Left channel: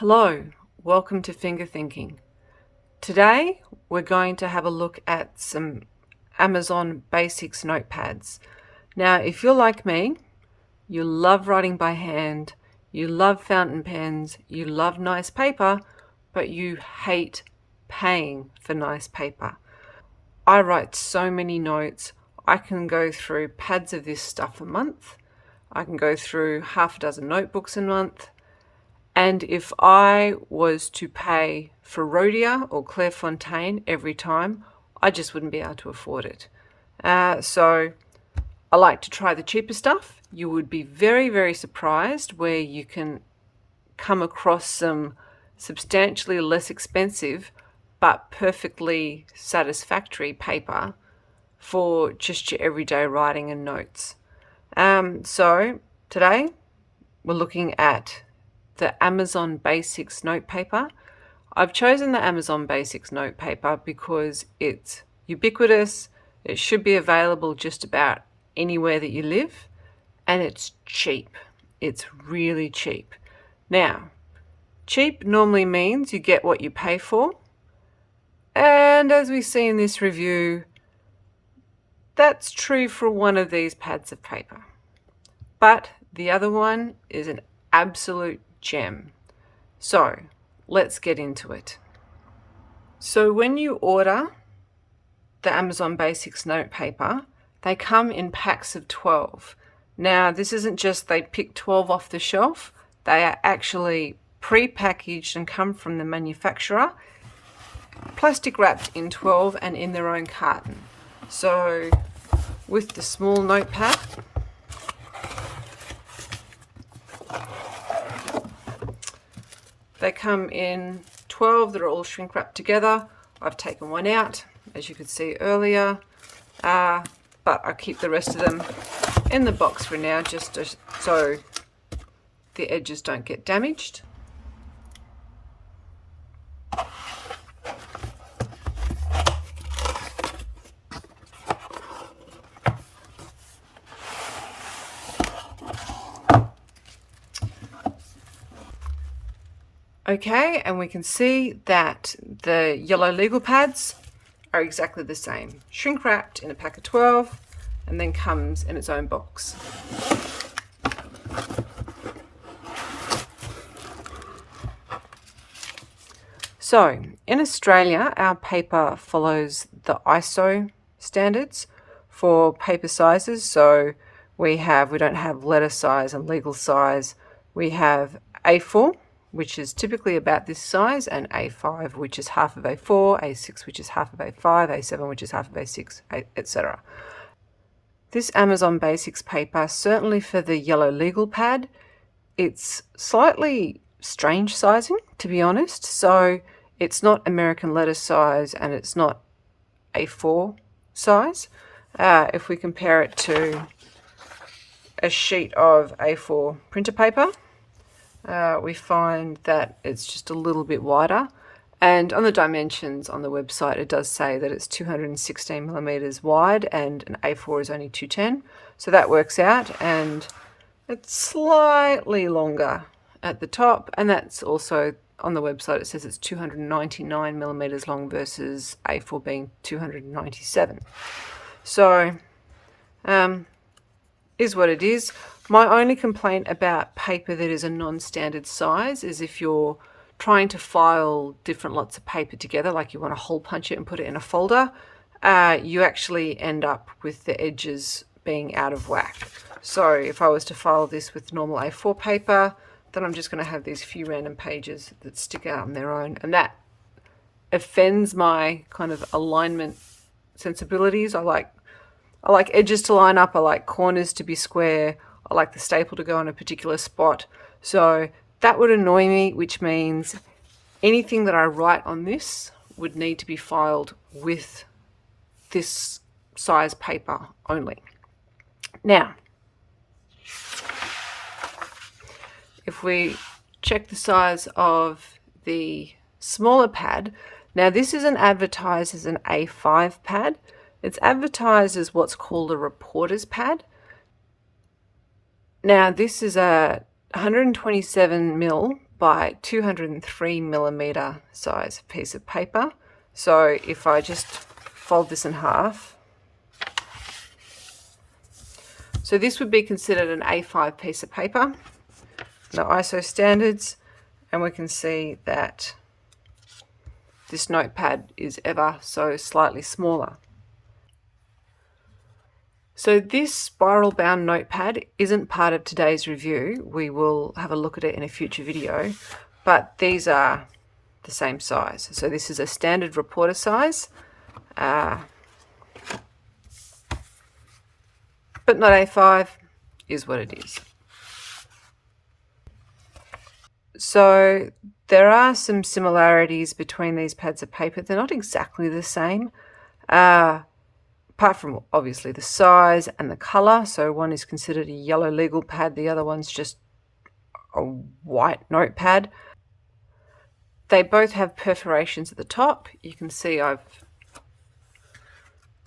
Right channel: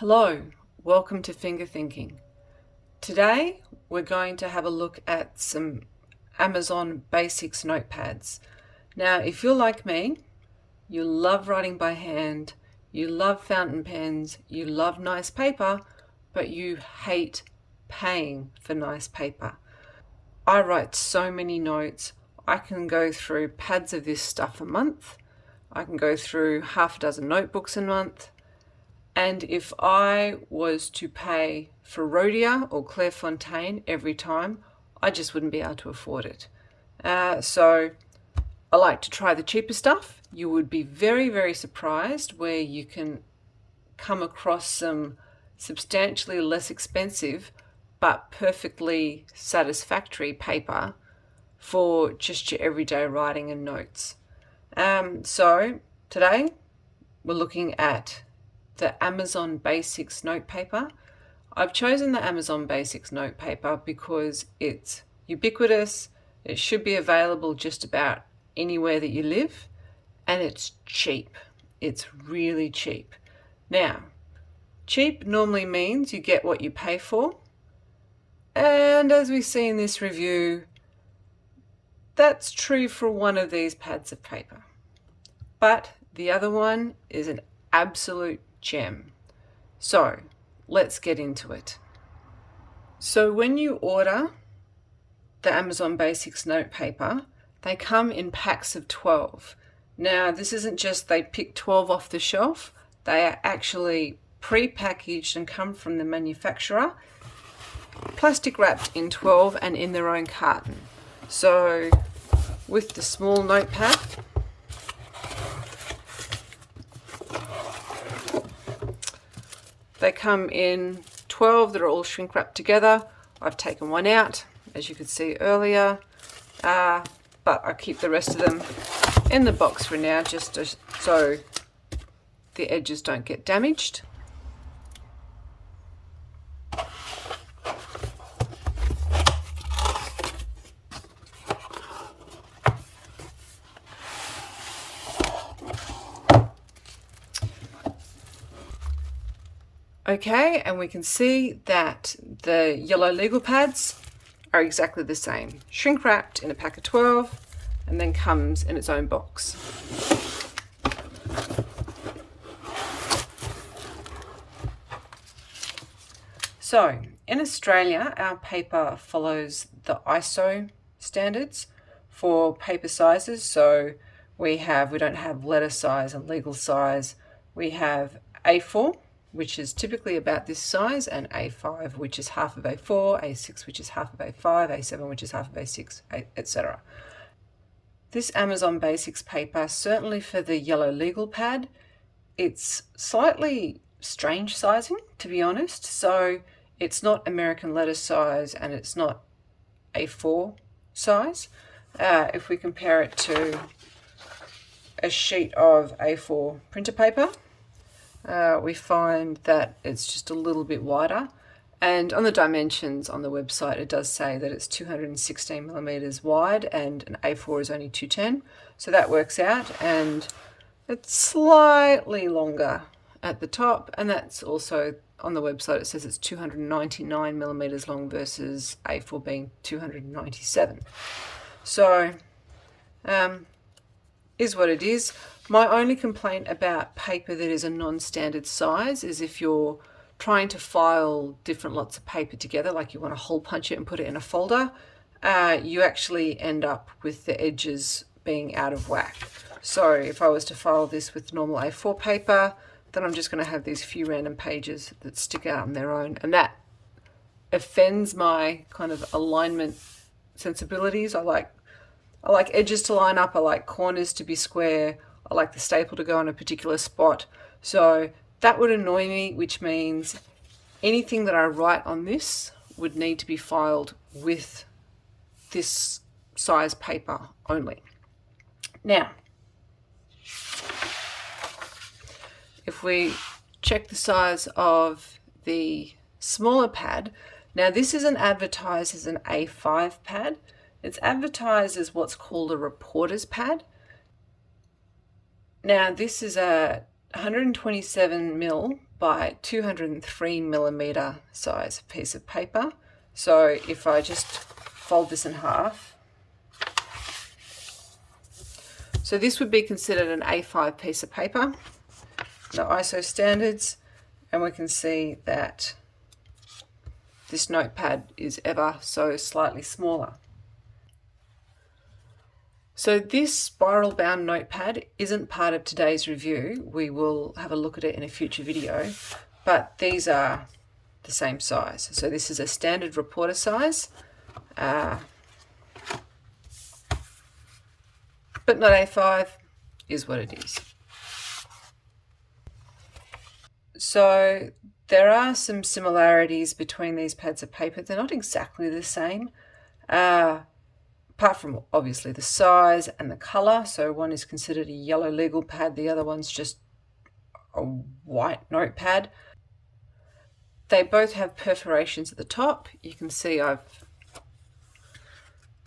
Hello, welcome to Finger Thinking. Today we're going to have a look at some Amazon Basics notepads. Now, if you're like me, you love writing by hand, you love fountain pens, you love nice paper, but you hate paying for nice paper. I write so many notes. I can go through pads of this stuff a month. I can go through half a dozen notebooks a month. And if I was to pay for Rhodia or Clairefontaine every time, I just wouldn't be able to afford it. So I like to try the cheaper stuff. You would be very, very surprised where you can come across some substantially less expensive but perfectly satisfactory paper for just your everyday writing and notes. So today we're looking at the Amazon Basics notepaper. I've chosen the Amazon Basics notepaper because it's ubiquitous, it should be available just about anywhere that you live, and it's cheap. It's really cheap. Now, cheap normally means you get what you pay for, and as we see in this review, that's true for one of these pads of paper. But the other one is an absolute gem. So let's get into it. So when you order the Amazon Basics notepaper, they come in packs of 12. Now, this isn't just they pick 12 off the shelf. They are actually pre-packaged and come from the manufacturer, plastic wrapped in 12 and in their own carton. So with the small notepad, they come in 12 that are all shrink wrapped together. I've taken one out, as you could see earlier, but I keep the rest of them in the box for now, just so the edges don't get damaged. Okay, and we can see that the yellow legal pads are exactly the same. Shrink wrapped in a pack of 12 and then comes in its own box. So in Australia, our paper follows the ISO standards for paper sizes. So we don't have letter size and legal size. We have A4, which is typically about this size, and A5, which is half of A4, A6, which is half of A5, A7, which is half of A6, etc. This Amazon Basics paper, certainly for the yellow legal pad, it's slightly strange sizing, to be honest. So it's not American letter size and it's not A4 size. If we compare it to a sheet of A4 printer paper, we find that it's just a little bit wider, and on the dimensions on the website it does say that it's 216 millimeters wide and an A4 is only 210, so that works out, and it's slightly longer at the top, and that's also on the website. It says it's 299 millimeters long versus A4 being 297. So is what it is. My only complaint about paper that is a non-standard size is if you're trying to file different lots of paper together, like you want to hole punch it and put it in a folder, you actually end up with the edges being out of whack. So if I was to file this with normal A4 paper, then I'm just going to have these few random pages that stick out on their own, and that offends my kind of alignment sensibilities. I like edges to line up, I like corners to be square, I like the staple to go on a particular spot. So that would annoy me, which means anything that I write on this would need to be filed with this size paper only. Now, if we check the size of the smaller pad, now this isn't advertised as an A5 pad. It's advertised as what's called a reporter's pad. Now this is a 127 mil by 203 millimeter size piece of paper. So if I just fold this in half, so this would be considered an A5 piece of paper, the ISO standards, and we can see that this notepad is ever so slightly smaller. So this spiral bound notepad isn't part of today's review. We will have a look at it in a future video, but these are the same size. So this is a standard reporter size, but not A5 is what it is. So there are some similarities between these pads of paper. They're not exactly the same. Apart from obviously the size and the colour. So one is considered a yellow legal pad, the other one's just a white notepad. They both have perforations at the top. You can see I've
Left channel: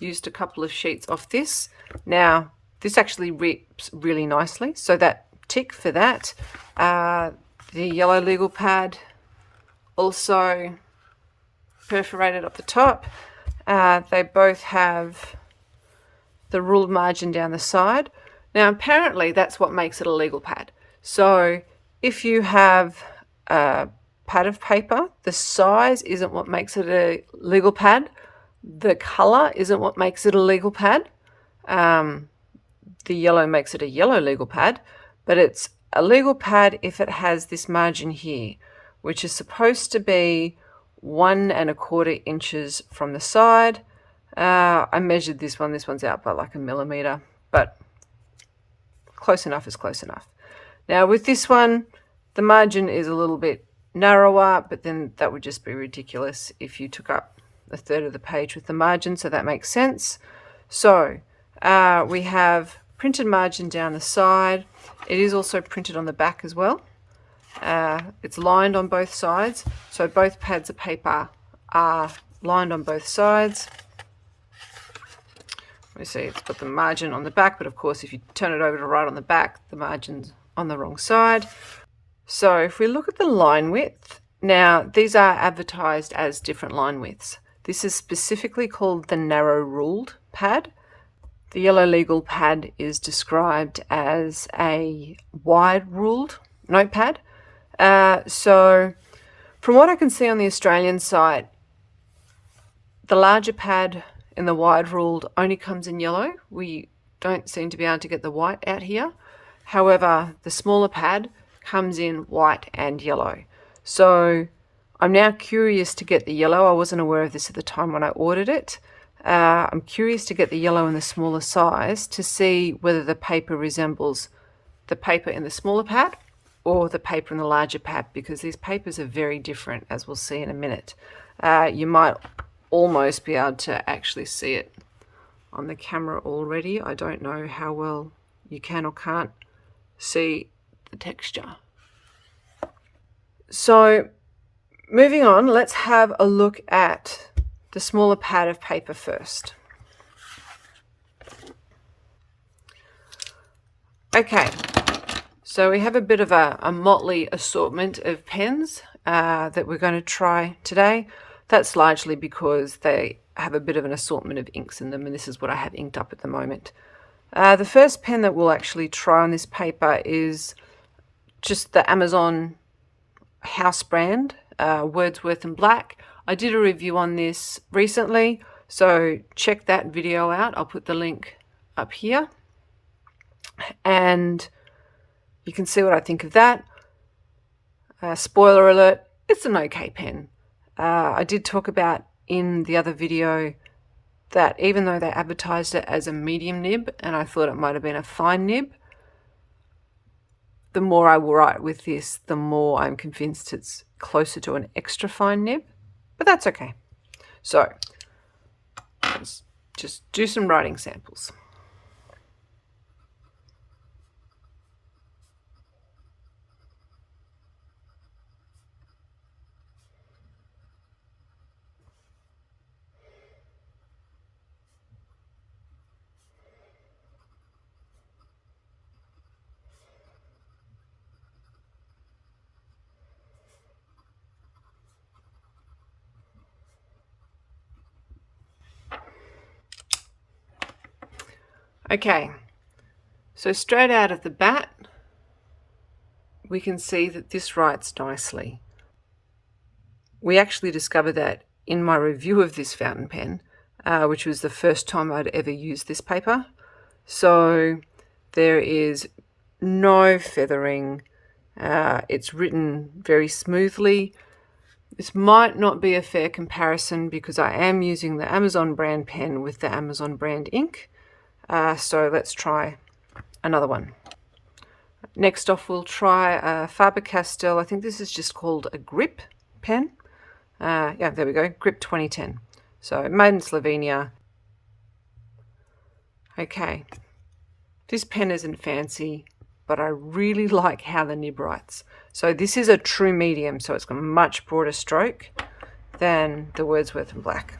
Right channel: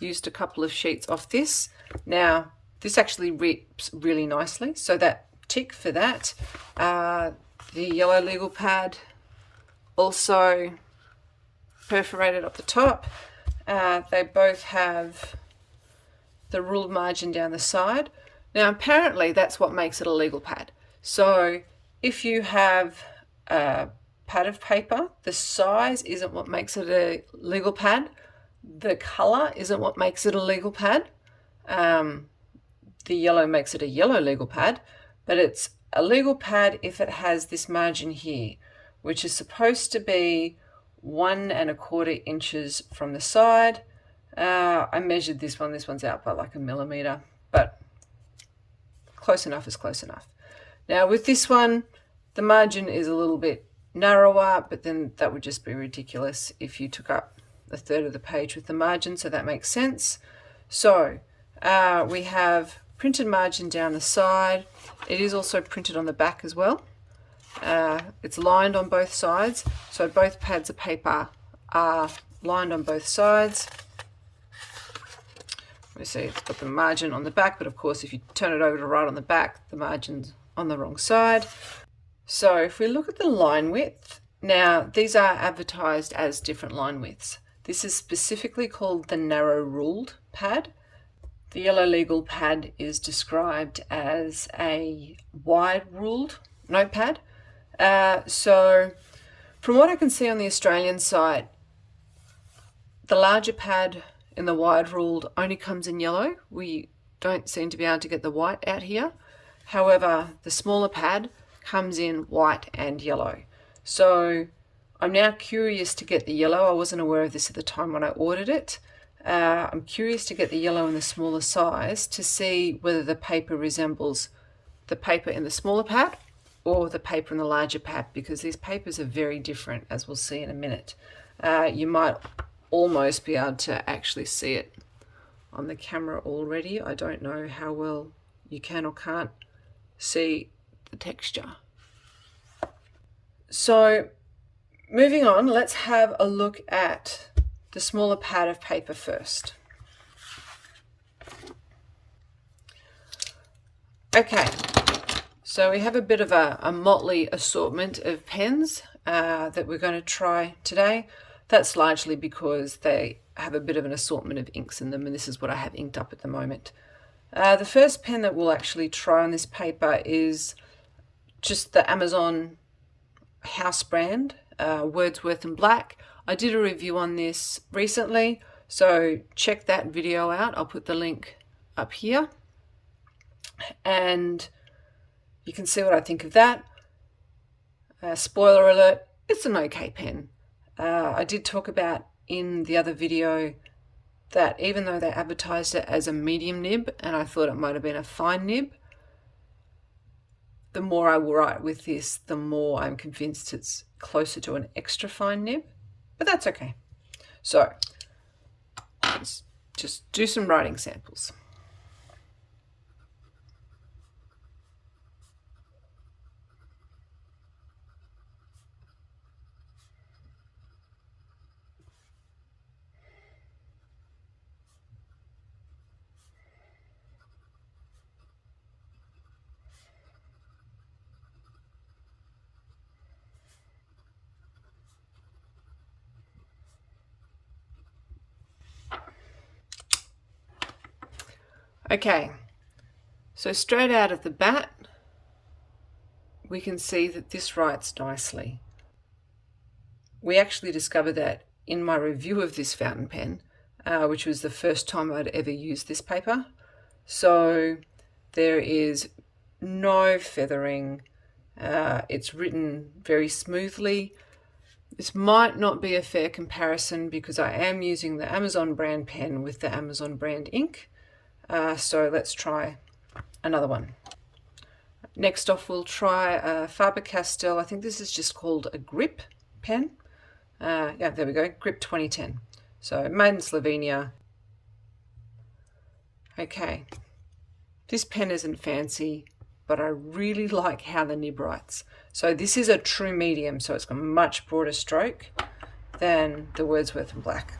used a couple of sheets off this. Now this actually rips really nicely, so that tick for that. The yellow legal pad also perforated up the top. They both have the ruled margin down the side. Now apparently that's what makes it a legal pad. So if you have a pad of paper, the size isn't what makes it a legal pad. The colour isn't what makes it a legal pad. The yellow makes it a yellow legal pad, but it's a legal pad if it has this margin here, which is supposed to be 1 1/4 inches from the side. I measured this one. This one's out by like 1 millimeter, but close enough is close enough. Now with this one, the margin is a little bit narrower, but then that would just be ridiculous if you took up a third of the page with the margin, so that makes sense. So we have printed margin down the side. It is also printed on the back as well. It's lined on both sides, so both pads of paper are lined on both sides. We see it's got the margin on the back, but of course if you turn it over to right on the back, the margin's on the wrong side. So if we look at the line width, now these are advertised as different line widths. This is specifically called the narrow ruled pad. The yellow legal pad is described as a wide ruled notepad. So from what I can see on the Australian site, the larger pad in the wide ruled only comes in yellow. We don't seem to be able to get the white out here. However, the smaller pad comes in white and yellow. So I'm now curious to get the yellow. I wasn't aware of this at the time when I ordered it. I'm curious to get the yellow in the smaller size to see whether the paper resembles the paper in the smaller pad or the paper in the larger pad, because these papers are very different, as we'll see in a minute. You might almost be able to actually see it on the camera already. I don't know how well you can or can't see the texture. So moving on, let's have a look at the smaller pad of paper first. Okay, so we have a bit of a motley assortment of pens that we're going to try today. That's largely because they have a bit of an assortment of inks in them, and this is what I have inked up at the moment. The first pen that we'll actually try on this paper is just the Amazon house brand, Wordsworth and Black. I did a review on this recently, so check that video out. I'll put the link up here, and you can see what I think of that. Spoiler alert, it's an okay pen. I did talk about in the other video that even though they advertised it as a medium nib, and I thought it might have been a fine nib, the more I write with this, the more I'm convinced it's closer to an extra fine nib, but that's okay. So let's just do some writing samples. Okay, so straight out of the bat, we can see that this writes nicely. We actually discovered that in my review of this fountain pen, which was the first time I'd ever used this paper. So there is no feathering. It's written very smoothly. This might not be a fair comparison because I am using the Amazon brand pen with the Amazon brand ink. So let's try another one. Next off, we'll try Faber-Castell. I think this is just called a grip pen. Yeah, there we go, grip 2010. So made in Slovenia. Okay, this pen isn't fancy, but I really like how the nib writes. So this is a true medium, so it's got a much broader stroke than the Wordsworth in black.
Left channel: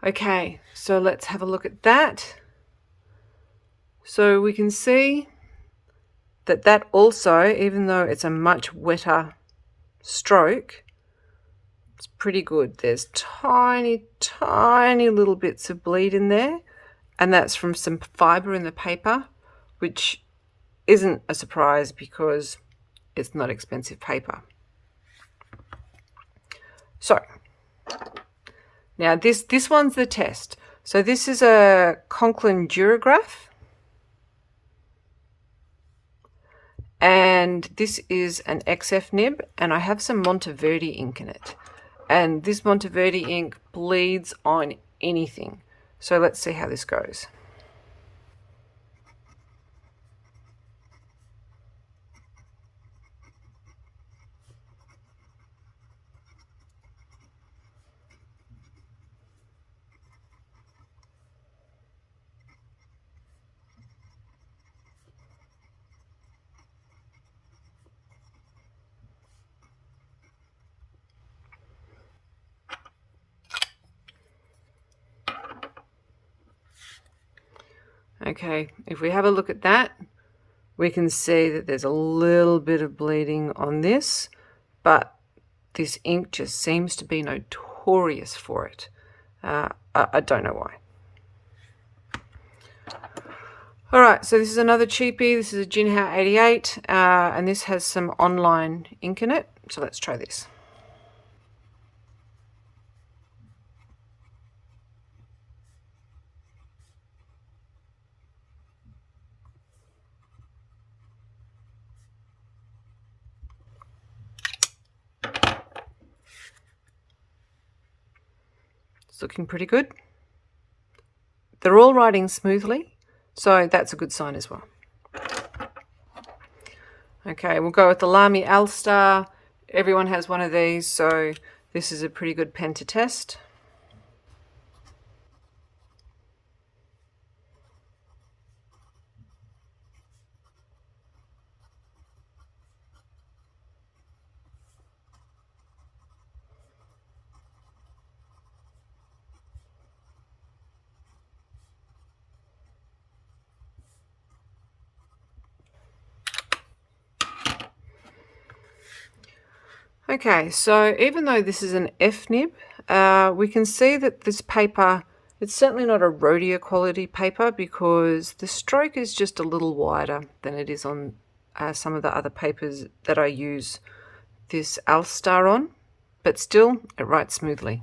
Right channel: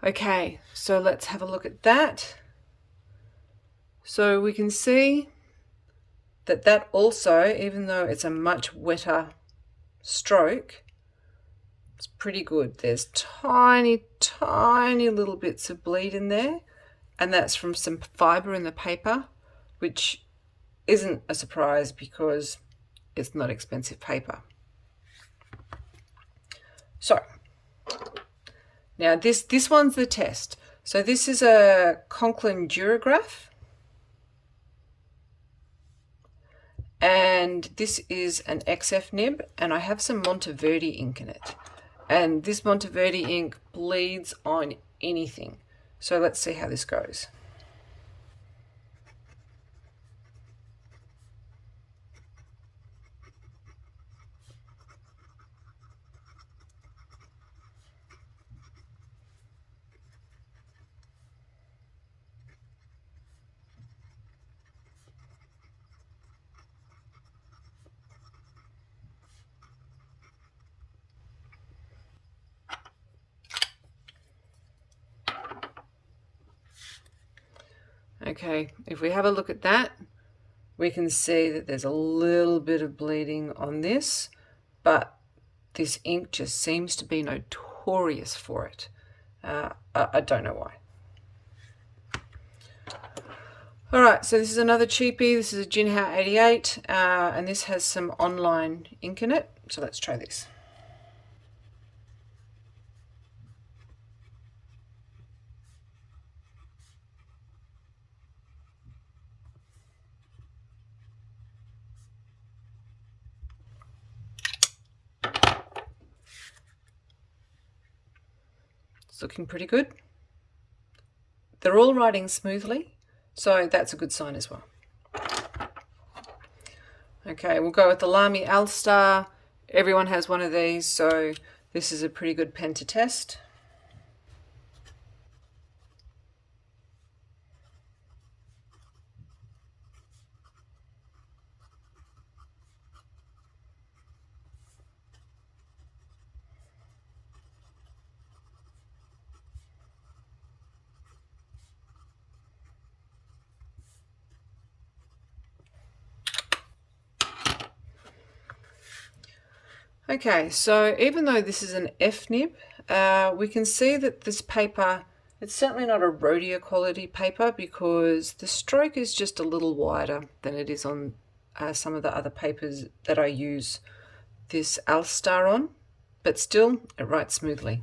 Okay, so let's have a look at that. So we can see that that also, even though it's a much wetter stroke, it's pretty good. There's tiny, tiny little bits of bleed in there, and that's from some fiber in the paper, which isn't a surprise because it's not expensive paper. So now this one's the test. So this is a Conklin Durograph, and this is an XF nib, and I have some Monteverde ink in it. And this Monteverde ink bleeds on anything. So let's see how this goes. Okay, if we have a look at that, we can see that there's a little bit of bleeding on this, but this ink just seems to be notorious for it. I don't know why. All right, so this is another cheapie. This is a Jinhao 88, and this has some online ink in it. So let's try this. It's looking pretty good. They're all writing smoothly, so that's a good sign as well. Okay, we'll go with the Lamy Alstar. Everyone has one of these, so this is a pretty good pen to test. Okay, so even though this is an F nib, we can see that this paper, it's certainly not a Rhodia quality paper because the stroke is just a little wider than it is on some of the other papers that I use this Alstar on, but still it writes smoothly.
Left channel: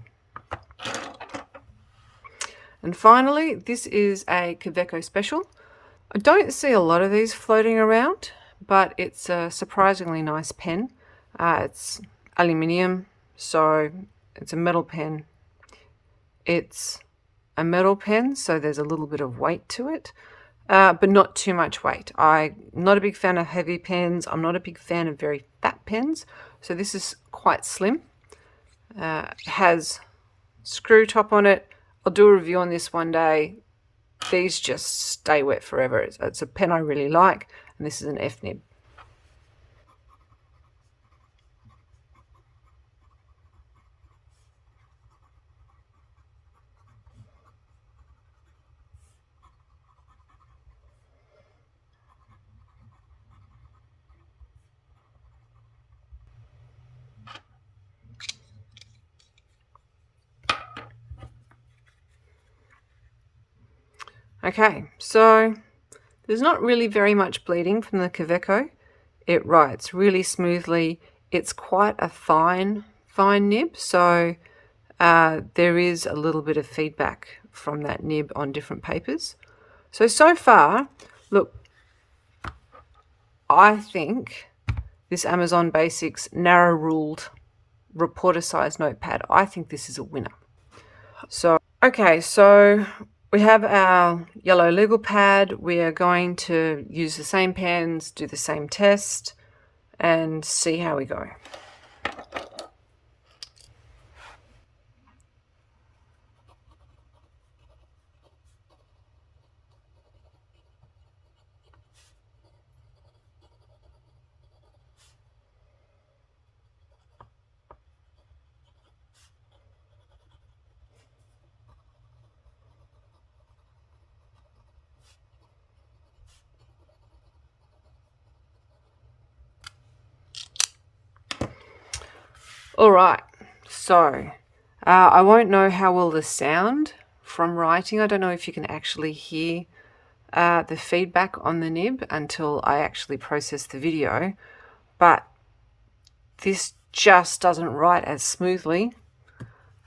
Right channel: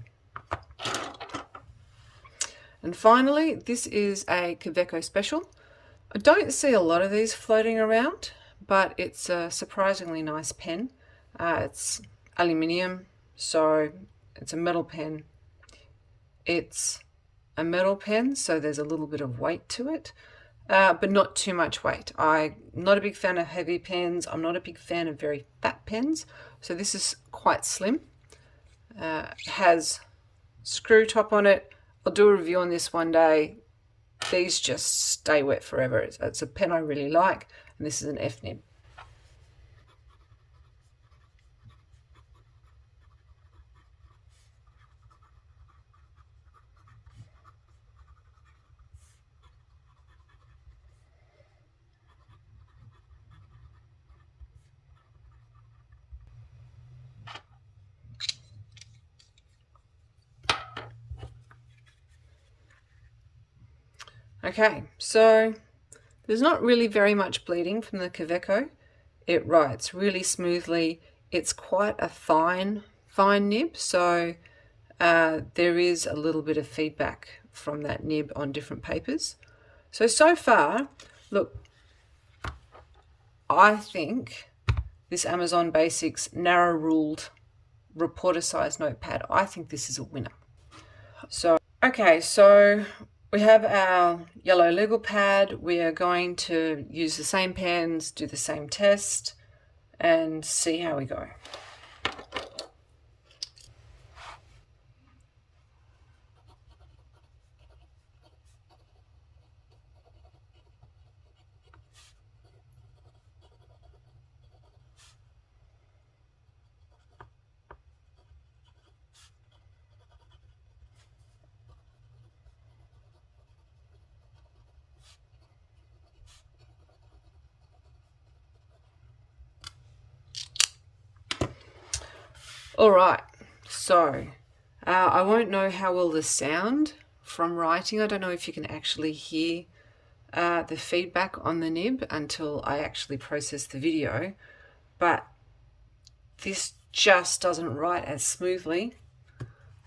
And finally, this is a Kaweco Special. I don't see a lot of these floating around, but it's a surprisingly nice pen. It's aluminium, so it's a metal pen. It's a metal pen, so there's a little bit of weight to it, but not too much weight. I'm not a big fan of heavy pens. I'm not a big fan of very fat pens, so this is quite slim. Has screw top on it. I'll do a review on this one day. These just stay wet forever. It's a pen I really like, and this is an F nib. Okay, so there's not really very much bleeding from the Kaweco. It writes really smoothly. It's quite a fine nib, so there is a little bit of feedback from that nib on different papers. So far, look, I think this Amazon Basics narrow-ruled reporter size notepad, I think this is a winner. So, okay, so we have our yellow legal pad. We are going to use the same pens, do the same test, and see how we go. All right, so I won't know how well the sound from writing. I don't know if you can actually hear the feedback on the nib until I actually process the video, but this just doesn't write as smoothly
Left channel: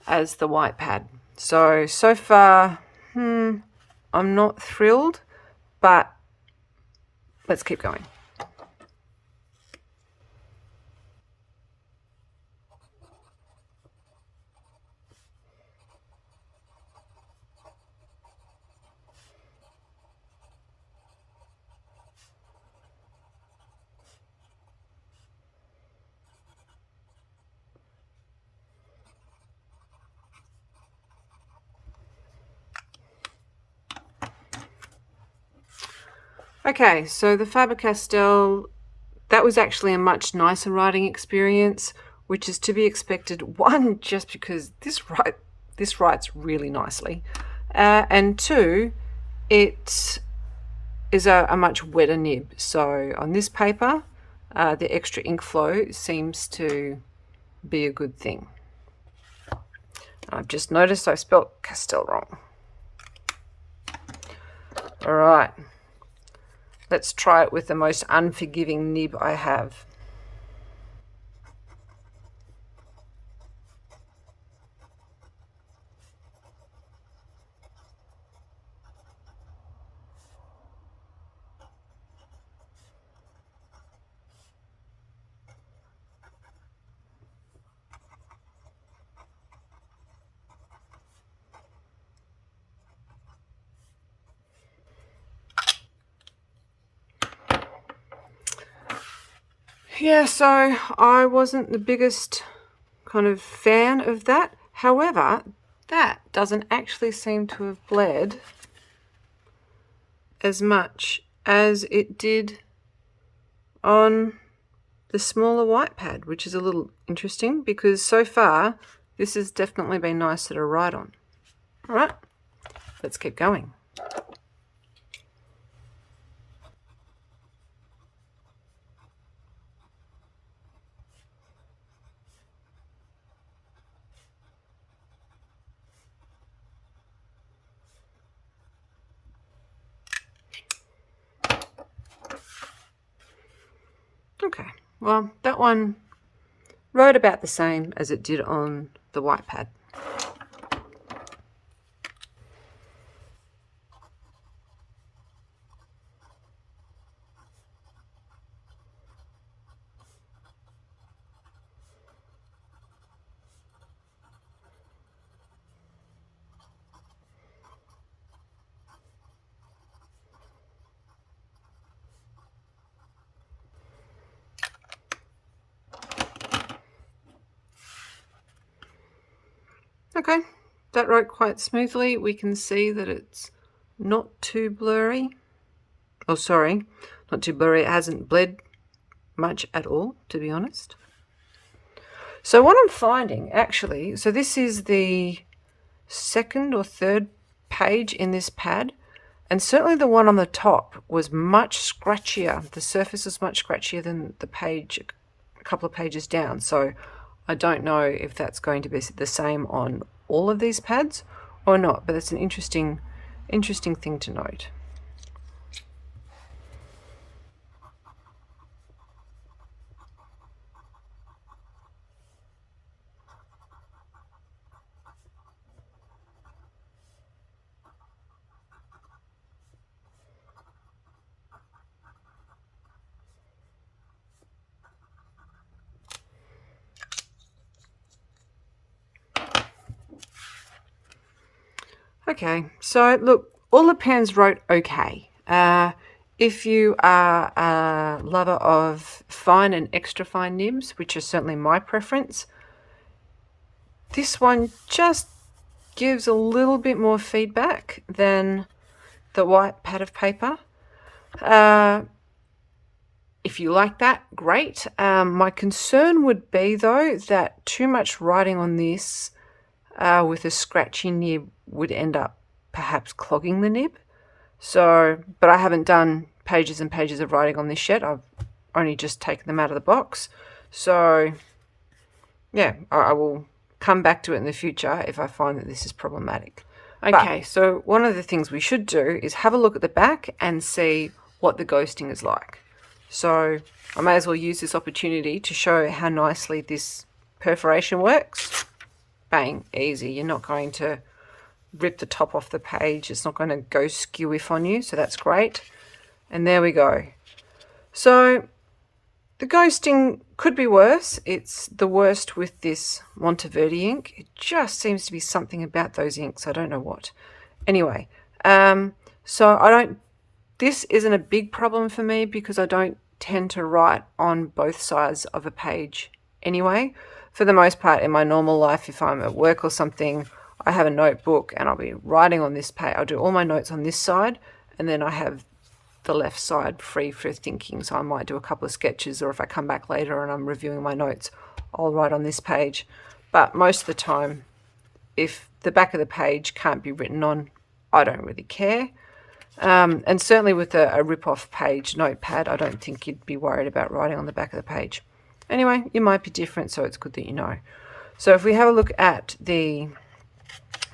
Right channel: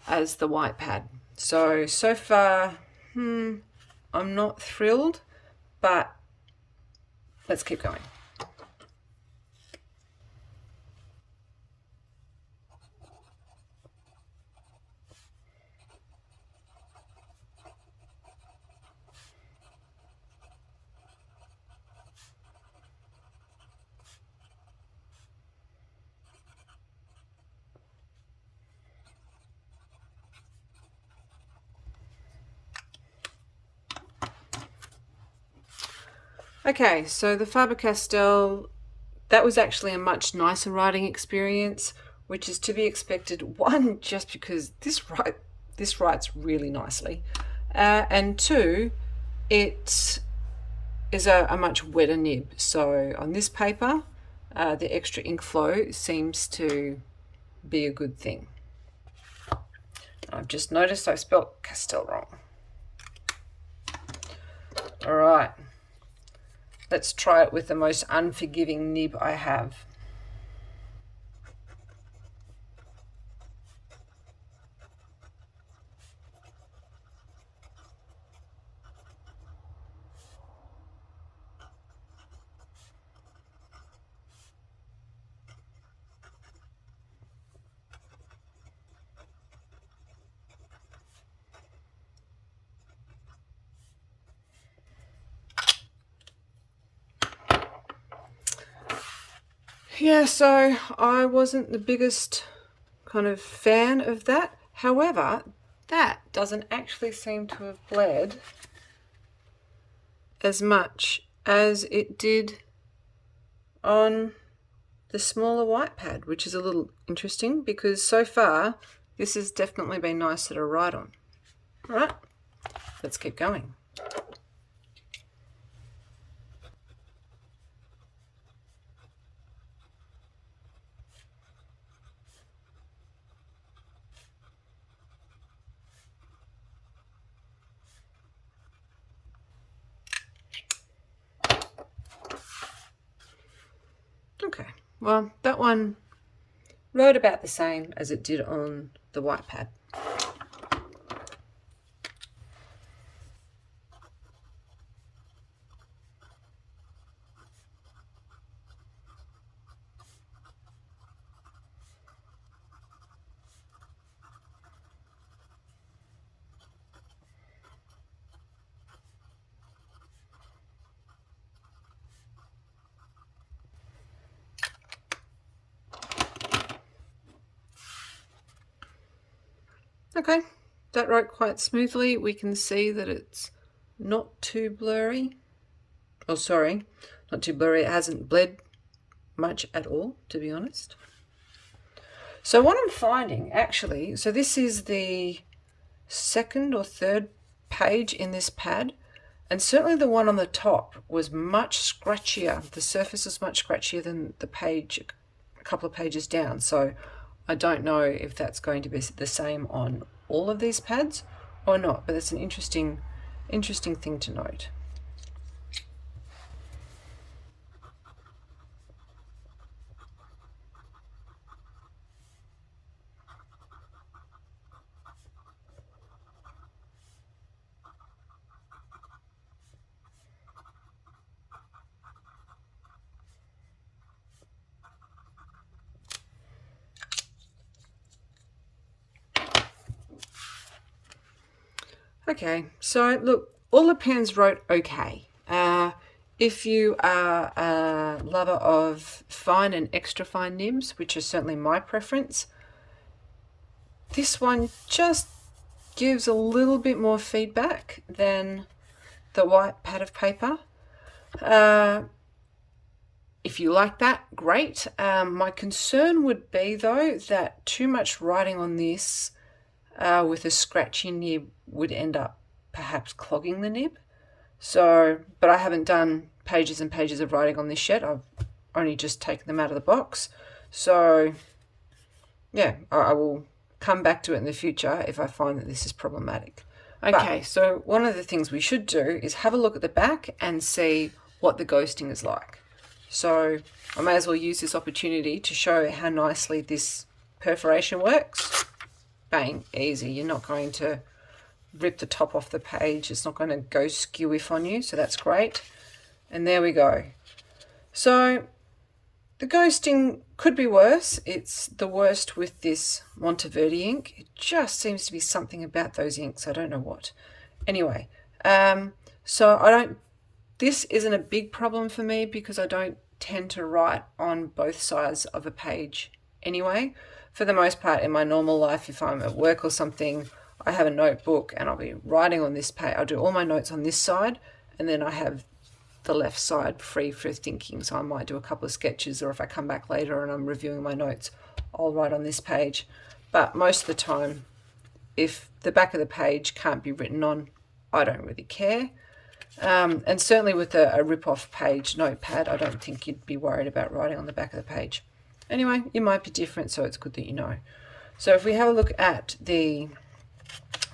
as the white pad. So far, I'm not thrilled, but let's keep going. Okay, so the Faber-Castell, that was actually a much nicer writing experience, which is to be expected. One, just because this writes really nicely, and two, it is a much wetter nib. So on this paper, the extra ink flow seems to be a good thing. I've just noticed I spelt Castell wrong. All right. Let's try it with the most unforgiving nib I have. Yeah, so I wasn't the biggest kind of fan of that. However, that doesn't actually seem to have bled as much as it did on the smaller white pad, which is a little interesting because so far this has definitely been nicer to write on. All right, let's keep going. Okay, well, that one wrote about the same as it did on the white pad. Okay, that wrote quite smoothly. We can see that it's not too blurry. Oh, sorry, not too blurry. It hasn't bled much at all, to be honest. So what I'm finding, actually, so this is the second or third page in this pad, and certainly the one on the top was much scratchier. The surface was much scratchier than the page a couple of pages down. So I don't know if that's going to be the same on all of these pads or not, but it's an interesting interesting thing to note. Okay, so look, all the pens wrote okay. If you are a lover of fine and extra fine nibs, which is certainly my preference, this one just gives a little bit more feedback than the white pad of paper. If you like that, great. My concern would be, though, that too much writing on this with a scratchy nib would end up perhaps clogging the nib. So, but I haven't done pages and pages of writing on this yet. I've only just taken them out of the box. So, yeah, I will come back to it in the future if I find that this is problematic. Okay, so one of the things we should do is have a look at the back and see what the ghosting is like. So I may as well use this opportunity to show how nicely this perforation works. Bang, easy. You're not going to rip the top off the page. It's not going to go skew-if on you, so that's great. And there we go. So the ghosting could be worse. It's the worst with this Monteverde ink. It just seems to be something about those inks. I don't know what. Anyway, so this isn't a big problem for me because I don't tend to write on both sides of a page anyway. For the most part, in my normal life, if I'm at work or something, I have a notebook and I'll be writing on this page. I'll do all my notes on this side, and then I have the left side free for thinking. So I might do a couple of sketches, or if I come back later and I'm reviewing my notes, I'll write on this page. But most of the time, if the back of the page can't be written on, I don't really care. And certainly with a rip-off page notepad, I don't think you'd be worried about writing on the back of the page. Anyway, it might be different, so it's good that you know. So if we have a look at the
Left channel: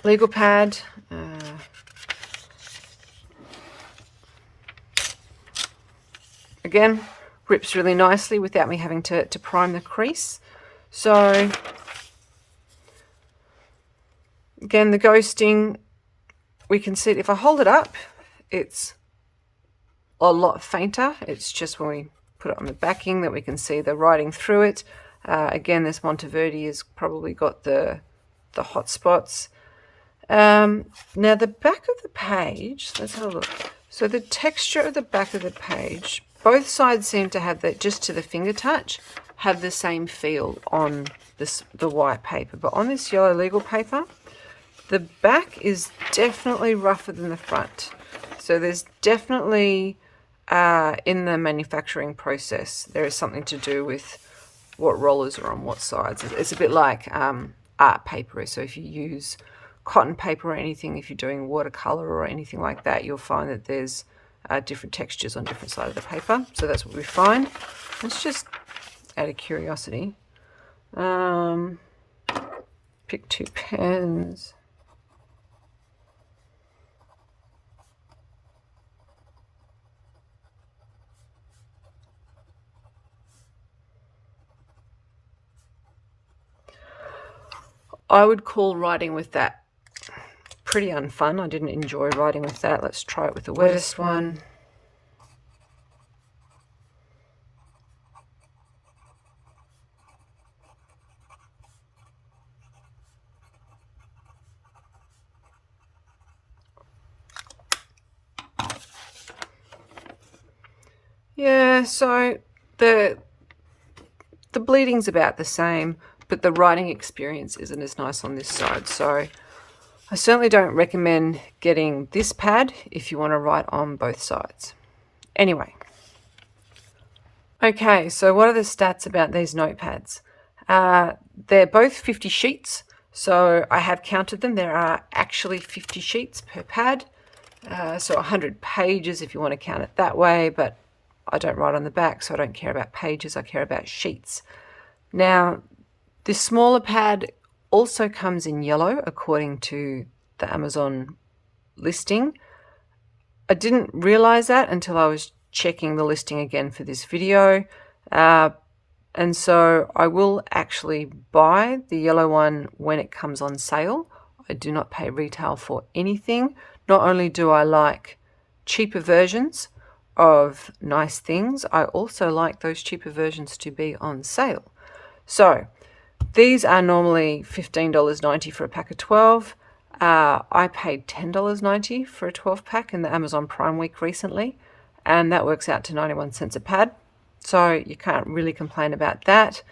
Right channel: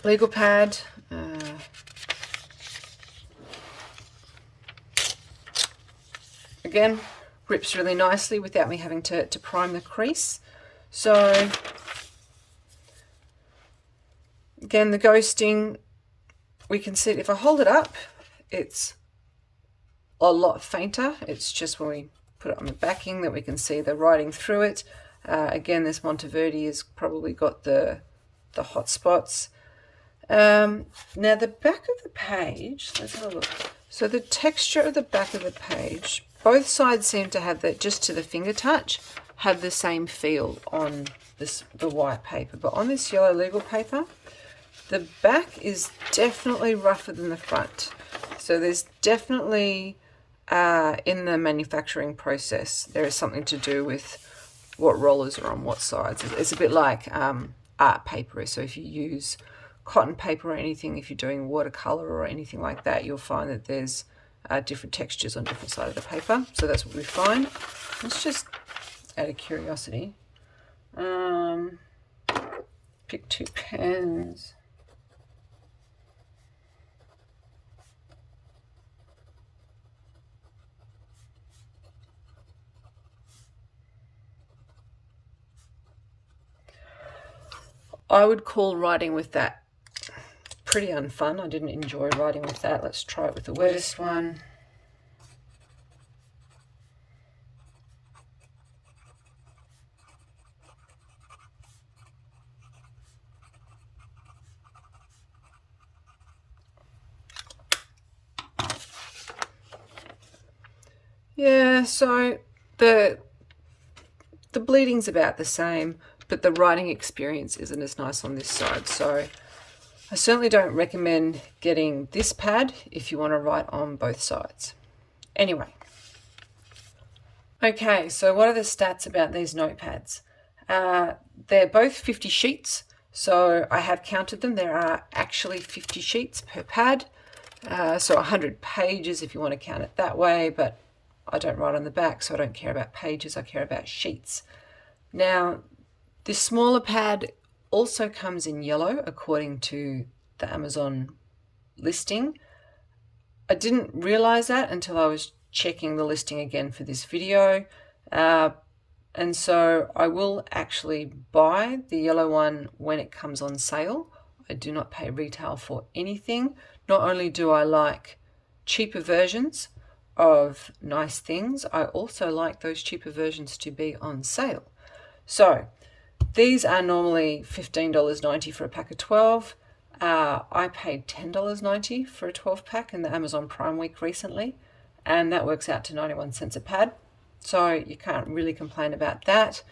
legal pad, again, rips really nicely without me having to prime the crease. So again, the ghosting, we can see it. If I hold it up, it's a lot fainter. It's just when we put it on the backing that we can see the writing through it. Again, this Monteverde has probably got the hot spots. Now the back of the page, let's have a look. So the texture of the back of the page, both sides seem to have that, just to the finger touch, have the same feel on the white paper. But on this yellow legal paper, the back is definitely rougher than the front. So there's definitely, in the manufacturing process, there is something to do with what rollers are on what sides. It's a bit like art paper. So if you use cotton paper or anything, if you're doing watercolor or anything like that, you'll find that there's different textures on different sides of the paper. So that's what we find. Let's just, out of curiosity, pick two pens. I would call writing with that pretty unfun. I didn't enjoy writing with that. Let's try it with the wettest one. Yeah, so the bleeding's about the same, but the writing experience isn't as nice on this side. So I certainly don't recommend getting this pad if you want to write on both sides. Anyway. Okay, so what are the stats about these notepads? They're both 50 sheets. So I have counted them. There are actually 50 sheets per pad. So 100 pages if you want to count it that way, but I don't write on the back, so I don't care about pages, I care about sheets. Now, this smaller pad also comes in yellow according to the Amazon listing. I didn't realize that until I was checking the listing again for this video. And so I will actually buy the yellow one when it comes on sale. I do not pay retail for anything. Not only do I like cheaper versions of nice things, I also like those cheaper versions to be on sale. So these are normally $15.90 for a pack of 12. I paid $10.90 for a 12 pack in the Amazon Prime week recently, and that works out to 91 cents a pad. So you can't really complain about that.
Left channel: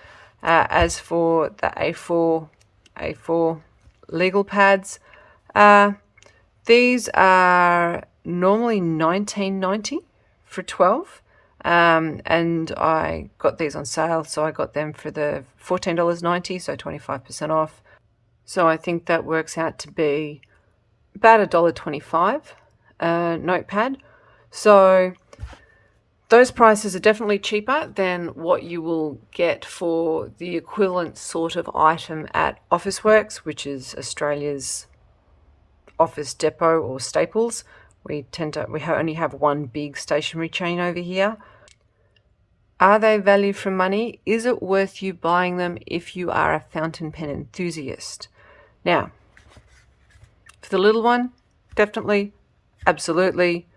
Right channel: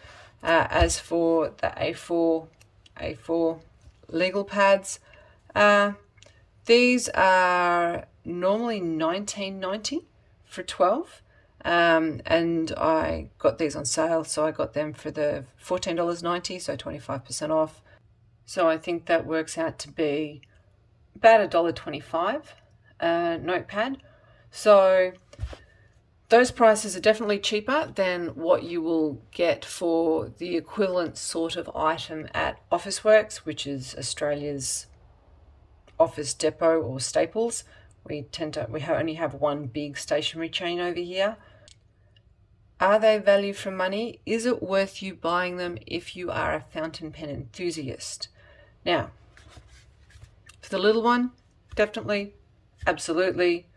As for the A4 legal pads, these are normally $19.90 for 12. And I got these on sale, so I got them for the $14.90, so 25% off. So I think that works out to be about $1.25 notepad. So those prices are definitely cheaper than what you will get for the equivalent sort of item at Officeworks, which is Australia's Office Depot or Staples. We only have one big stationery chain over here. Are they value for money? Is it worth you buying them if you are a fountain pen enthusiast? Now, for the little one, definitely, absolutely.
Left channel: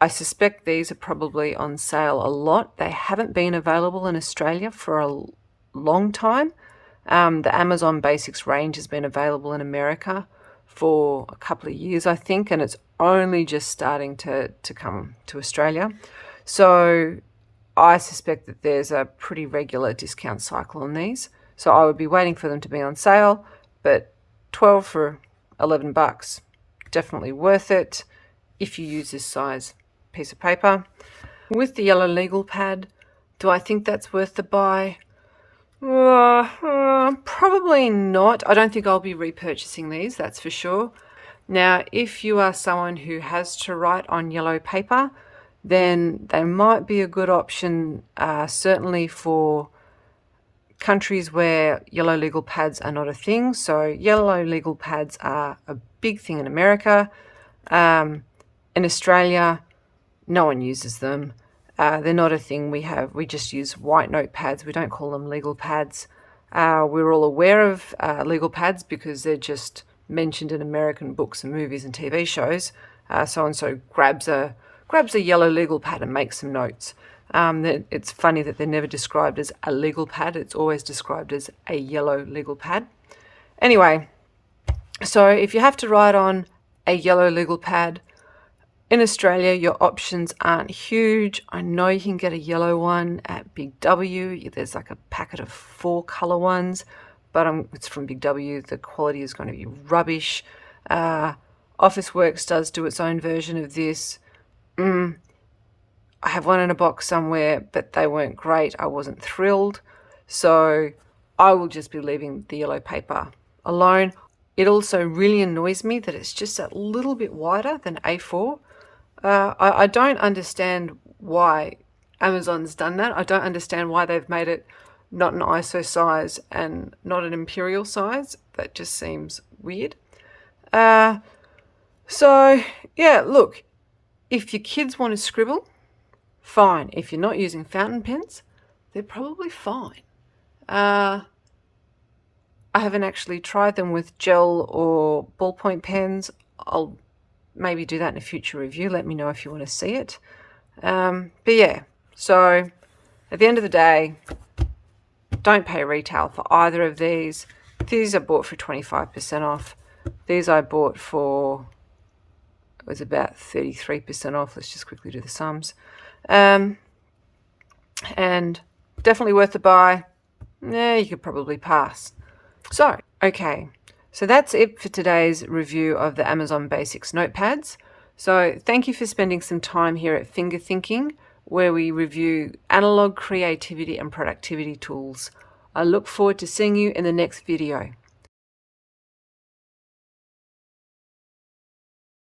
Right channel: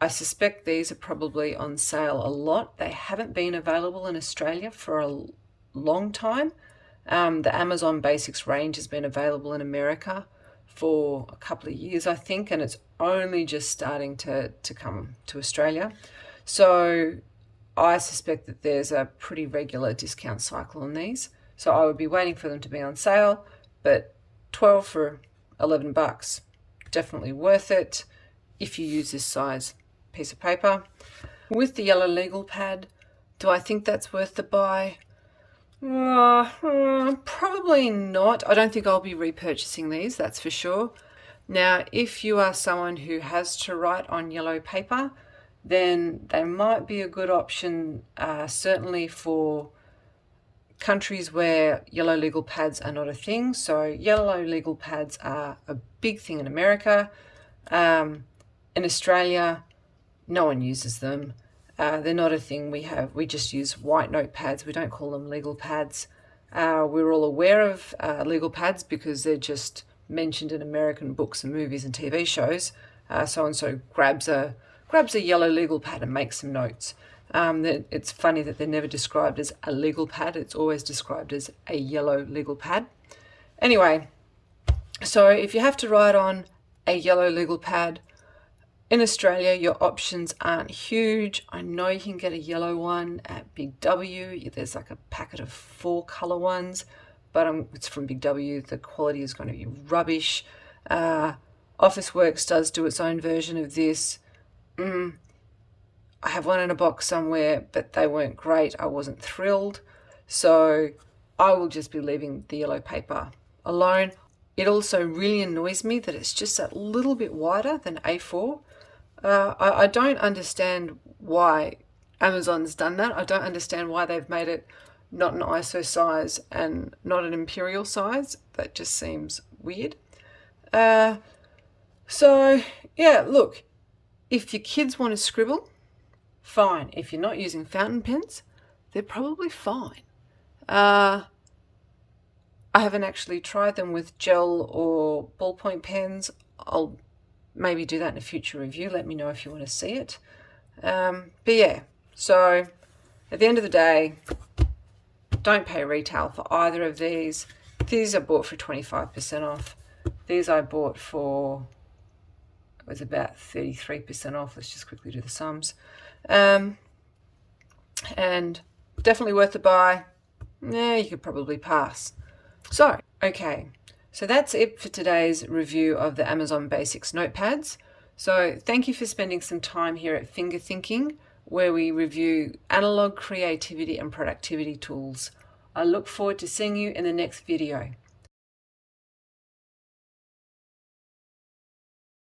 I suspect these are probably on sale a lot. They haven't been available in Australia for a long time. The Amazon Basics range has been available in America for a couple of years, I think, and it's only just starting to come to Australia. So I suspect that there's a pretty regular discount cycle on these. So I would be waiting for them to be on sale, but 12 for $11, definitely worth it if you use this size piece of paper. With the yellow legal pad, do I think that's worth the buy? Probably not. I don't think I'll be repurchasing these, that's for sure. Now, if you are someone who has to write on yellow paper, then they might be a good option, certainly for countries where yellow legal pads are not a thing. So yellow legal pads are a big thing in America. In Australia, no one uses them. They're not a thing we just use white notepads. We don't call them legal pads. We're all aware of legal pads because they're just mentioned in American books and movies and TV shows. So-and-so grabs a yellow legal pad and makes some notes. It's funny that they're never described as a legal pad. It's always described as a yellow legal pad. Anyway, so if you have to write on a yellow legal pad, in Australia, your options aren't huge. I know you can get a yellow one at Big W. There's like a packet of 4 color ones, but it's from Big W. The quality is going to be rubbish. Officeworks does do its own version of this. I have one in a box somewhere, but they weren't great. I wasn't thrilled. So I will just be leaving the yellow paper alone. It also really annoys me that it's just a little bit wider than A4. I don't understand why Amazon's done that. I don't understand why they've made it not an ISO size and not an imperial size. That just seems weird. So, yeah, look, if your kids want to scribble, fine. If you're not using fountain pens, they're probably fine. I haven't actually tried them with gel or ballpoint pens. I'll maybe do that in a future review. Let me know if you want to see it. But yeah, so at the end of the day, don't pay retail for either of these. These I bought for 25% off. These I bought for, it was about 33% off. Let's just quickly do the sums. And definitely worth the buy. You could probably pass. So, okay. So that's it for today's review of the Amazon Basics notepads. So thank you for spending some time here at Finger Thinking, where we review analog creativity and productivity tools. I look forward to seeing you in the next video.